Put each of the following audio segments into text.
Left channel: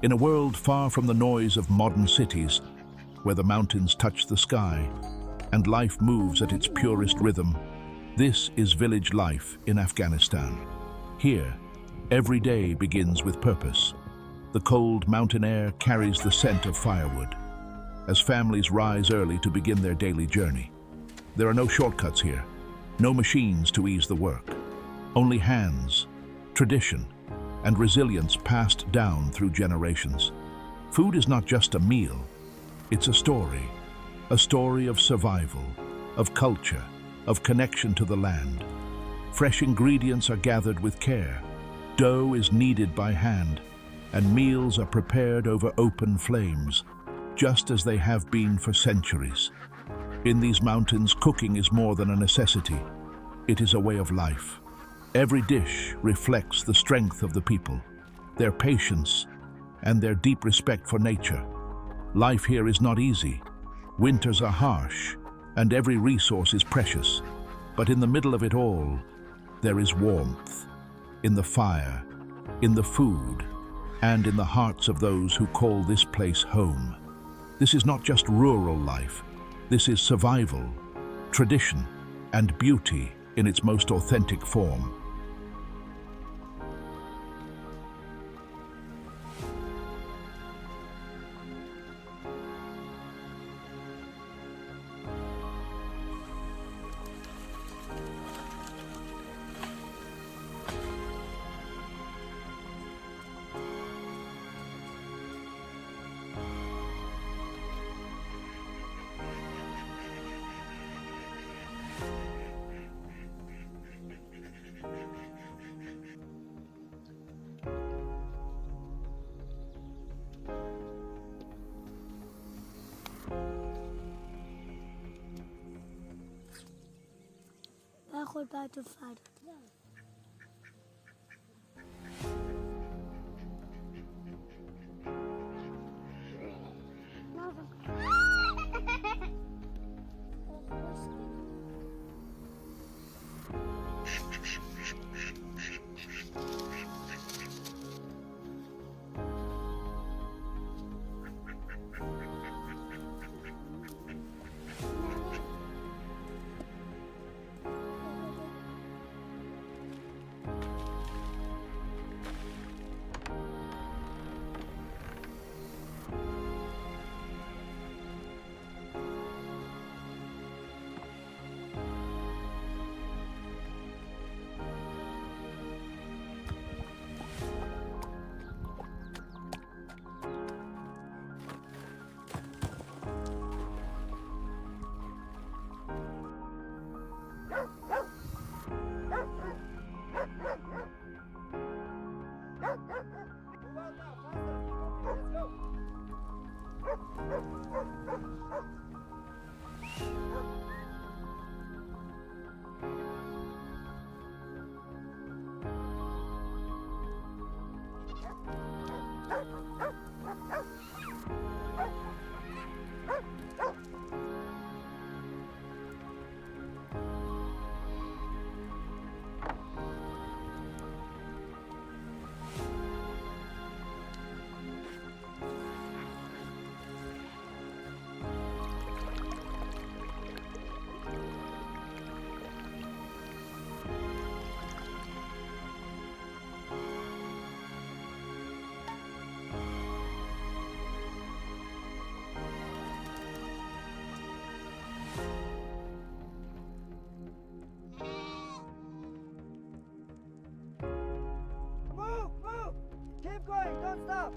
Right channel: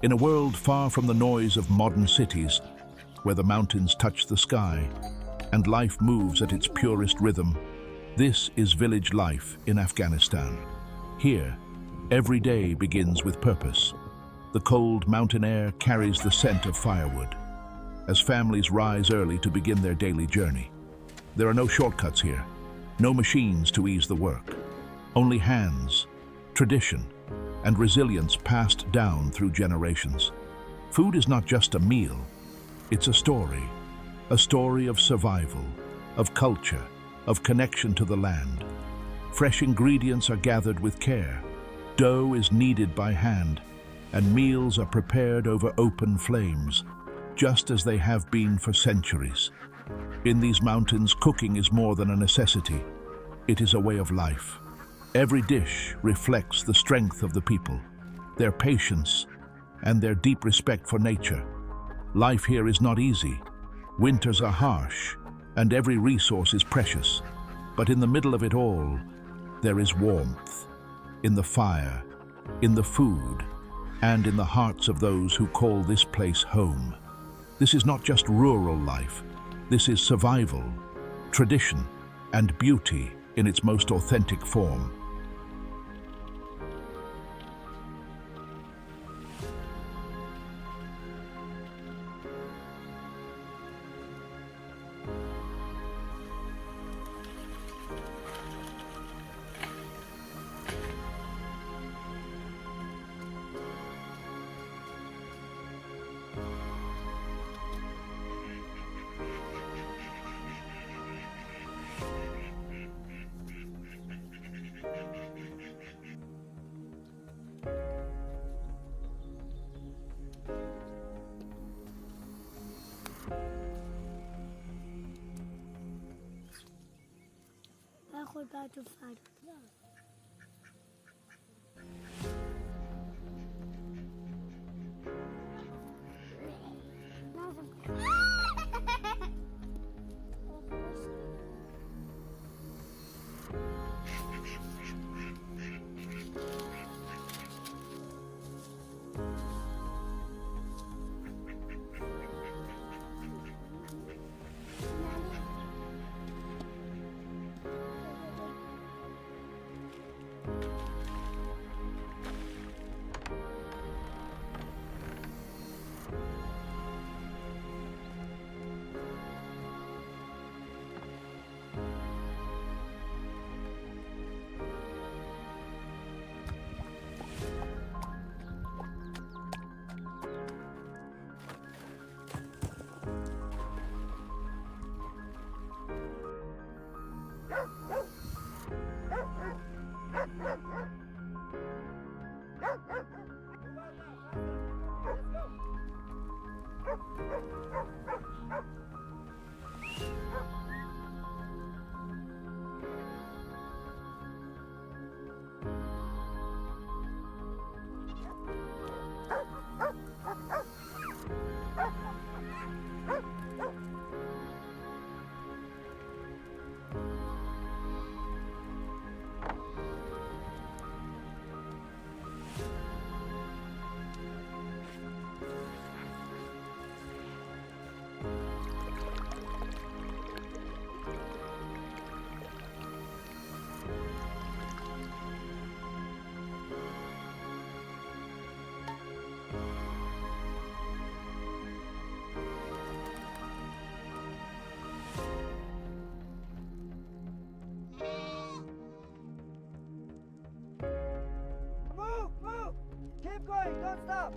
In a world far from the noise of modern cities, where the mountains touch the sky and life moves at its purest rhythm, this is village life in Afghanistan. Here, every day begins with purpose. The cold mountain air carries the scent of firewood as families rise early to begin their daily journey. There are no shortcuts here, no machines to ease the work, only hands, tradition, and resilience passed down through generations. Food is not just a meal, it's a story of survival, of culture, of connection to the land. Fresh ingredients are gathered with care, dough is kneaded by hand, and meals are prepared over open flames, just as they have been for centuries. In these mountains, cooking is more than a necessity. It is a way of life. Every dish reflects the strength of the people, their patience, and their deep respect for nature. Life here is not easy. Winters are harsh, and every resource is precious. But in the middle of it all, there is warmth, in the fire, in the food, and in the hearts of those who call this place home. This is not just rural life. This is survival, tradition, and beauty in its most authentic form. ناخد بعد الفرد Keep going, don't stop.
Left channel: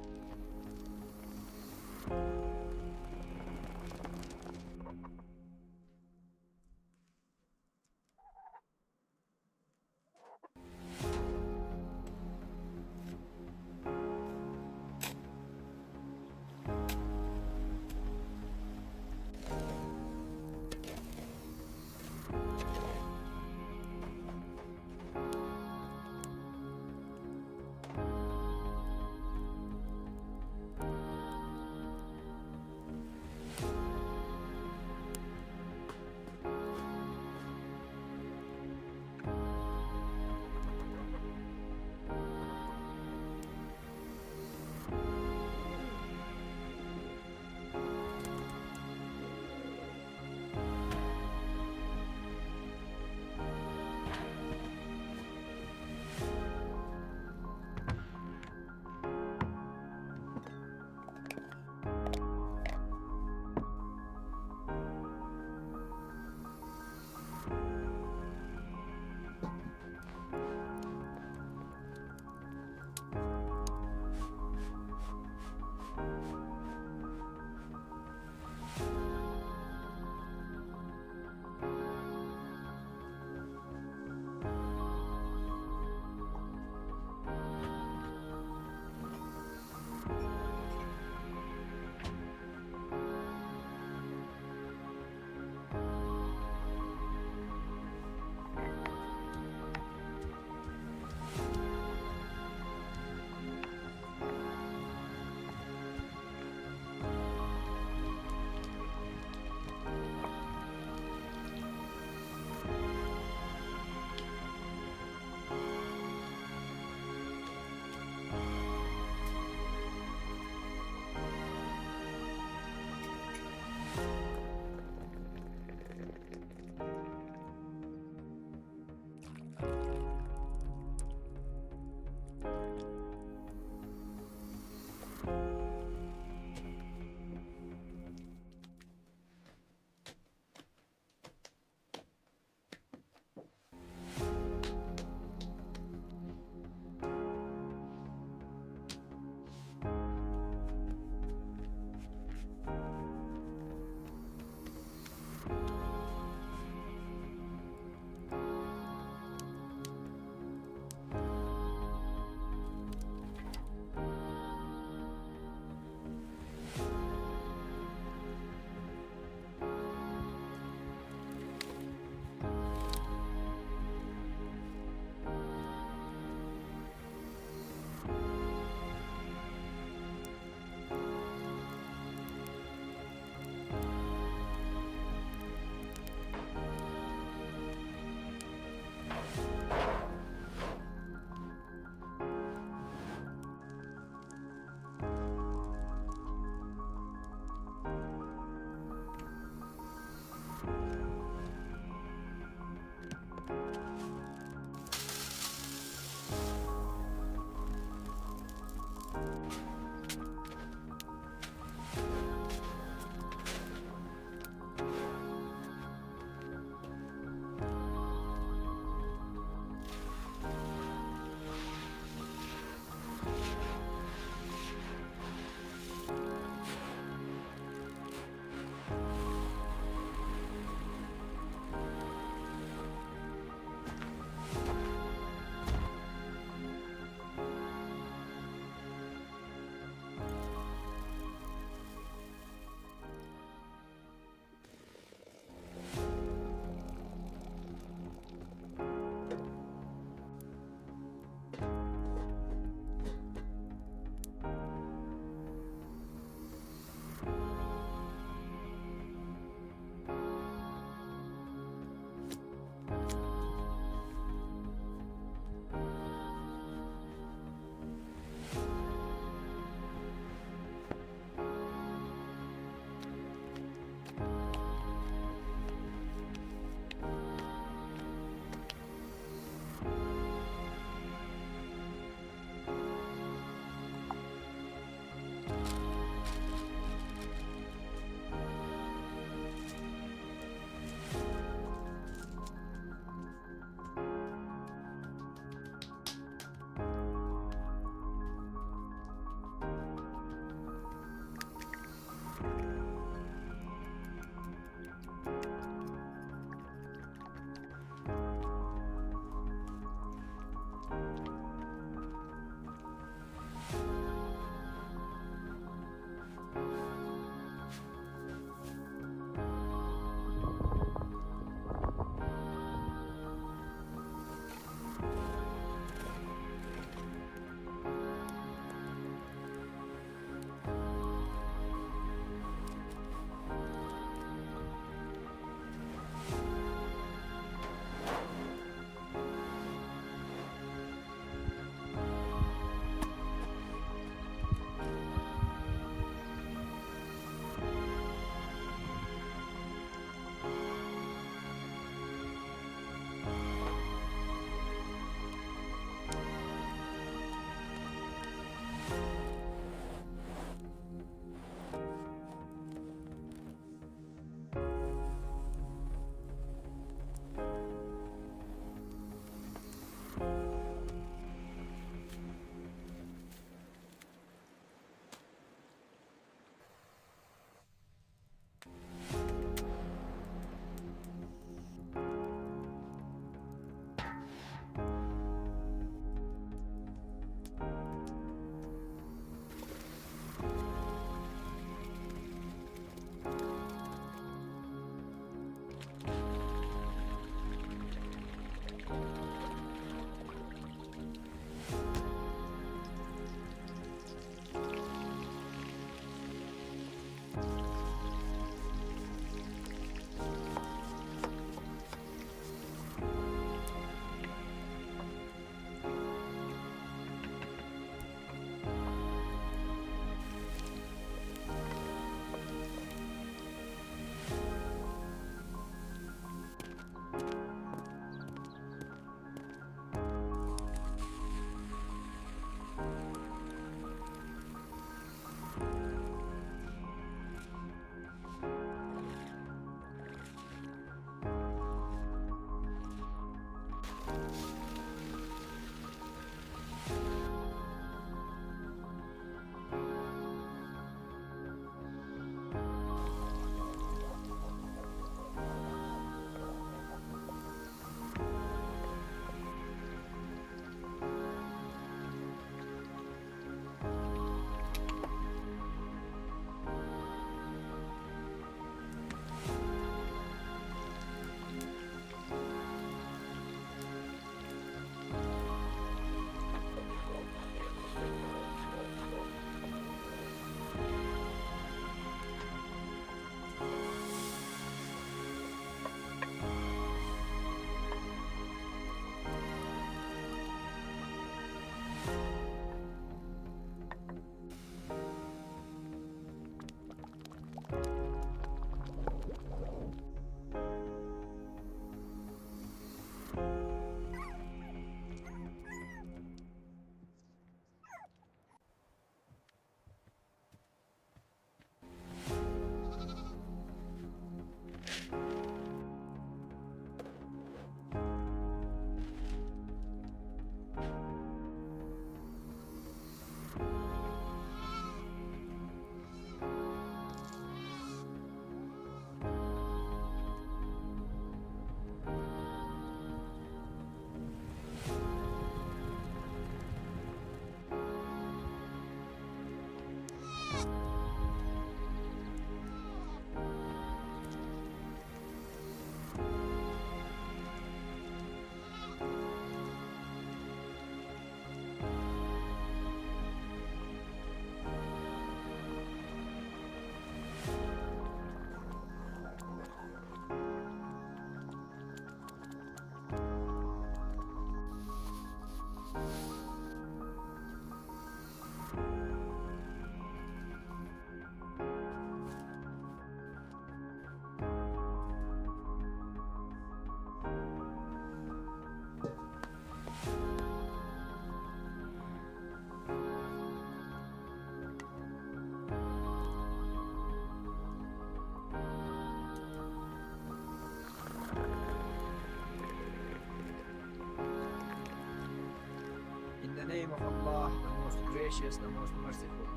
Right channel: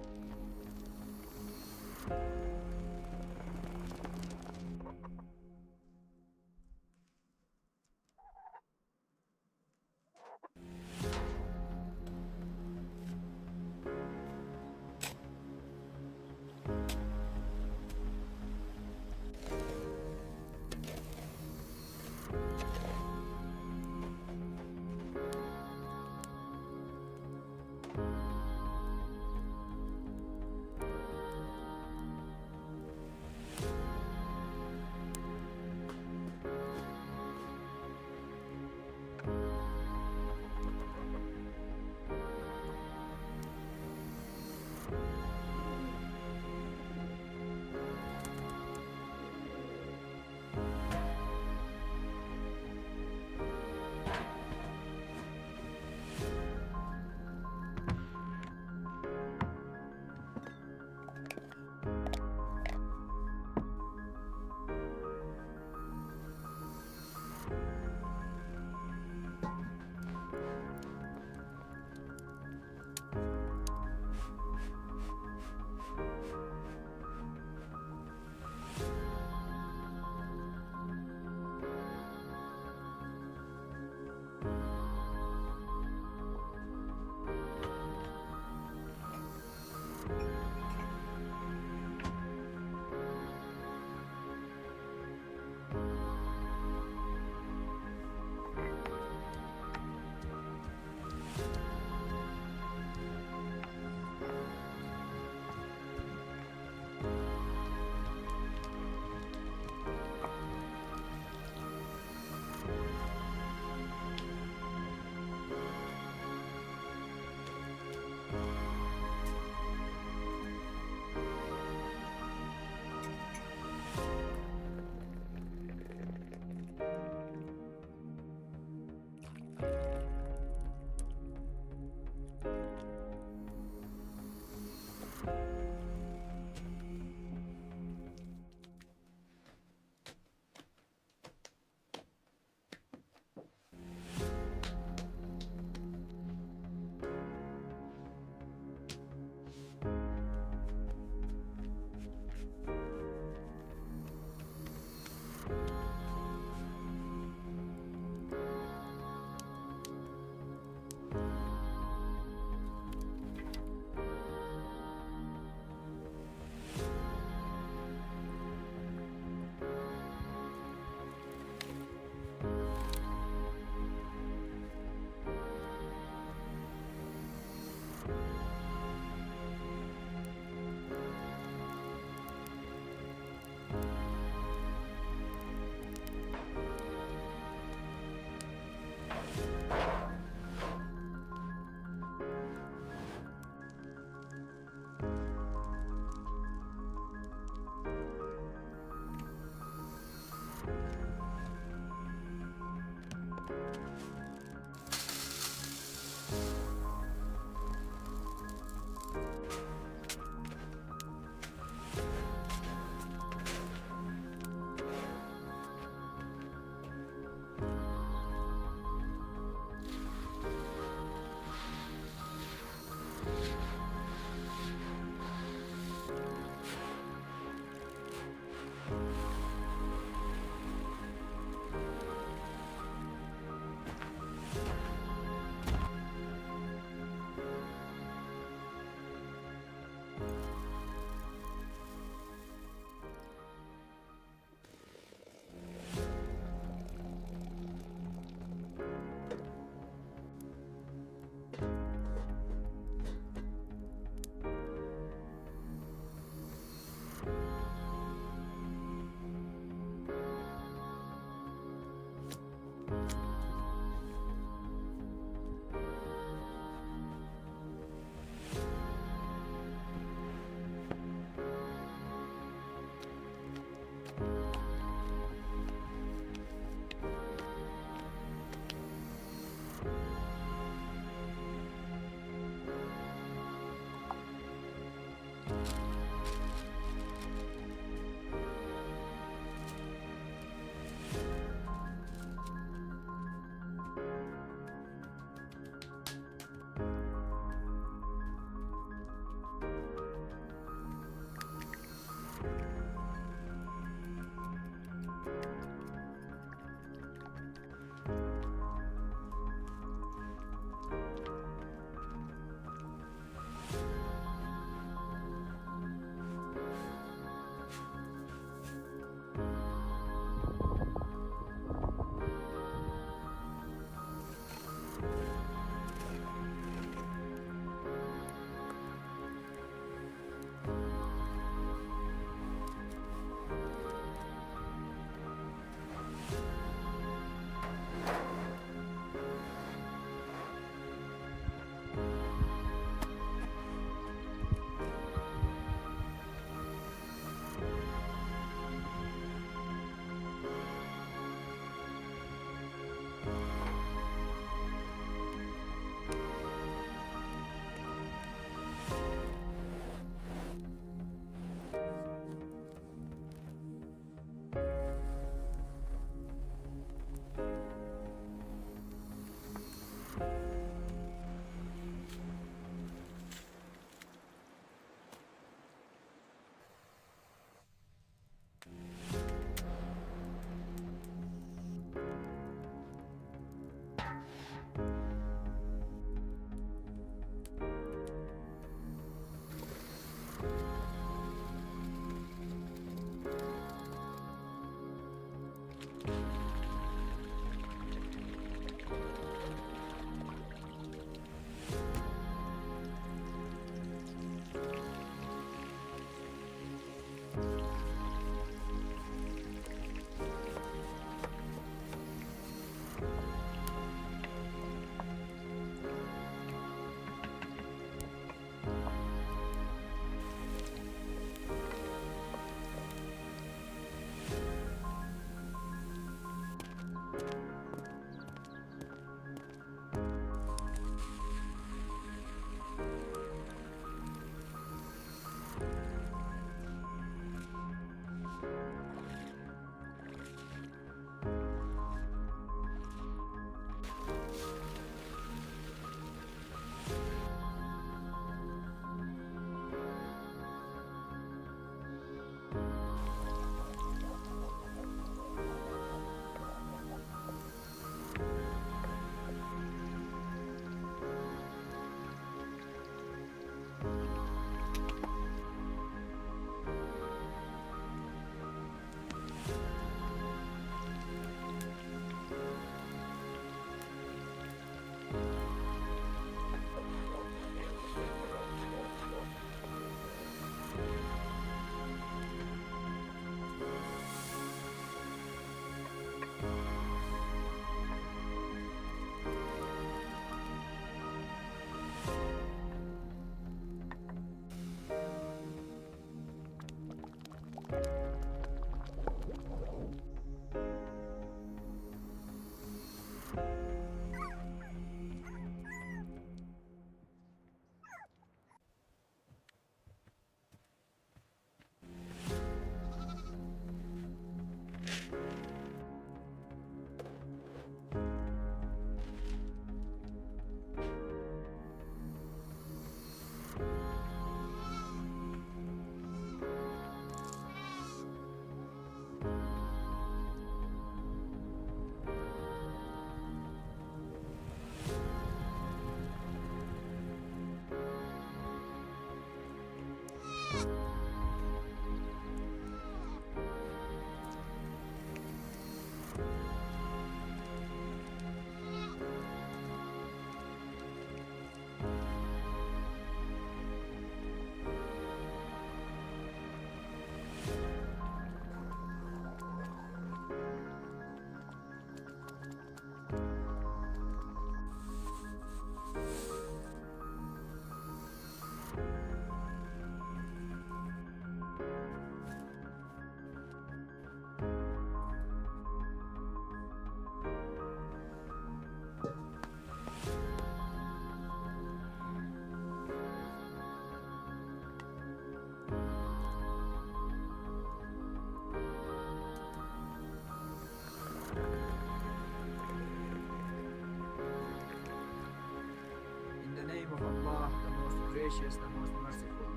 name of Allah, the most gracious, the most merciful.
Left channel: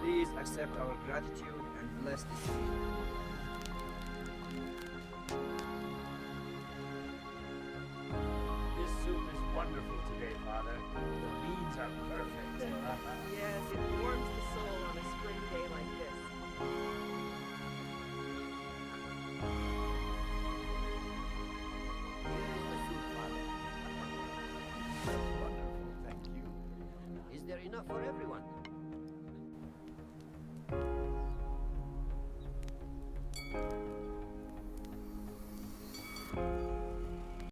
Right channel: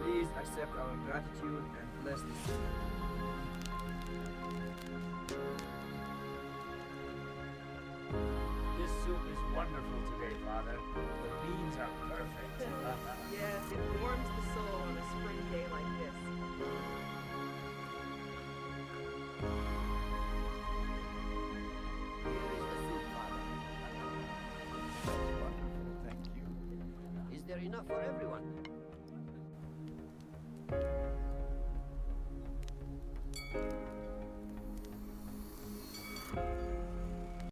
Please accept our gratitude and bless this meal. This soup is wonderful today, Father. The beans are perfect. Yes, it warms the soul on a spring day like this. Here is the soup, Father. That's wonderful, thank you. Is there enough for everyone?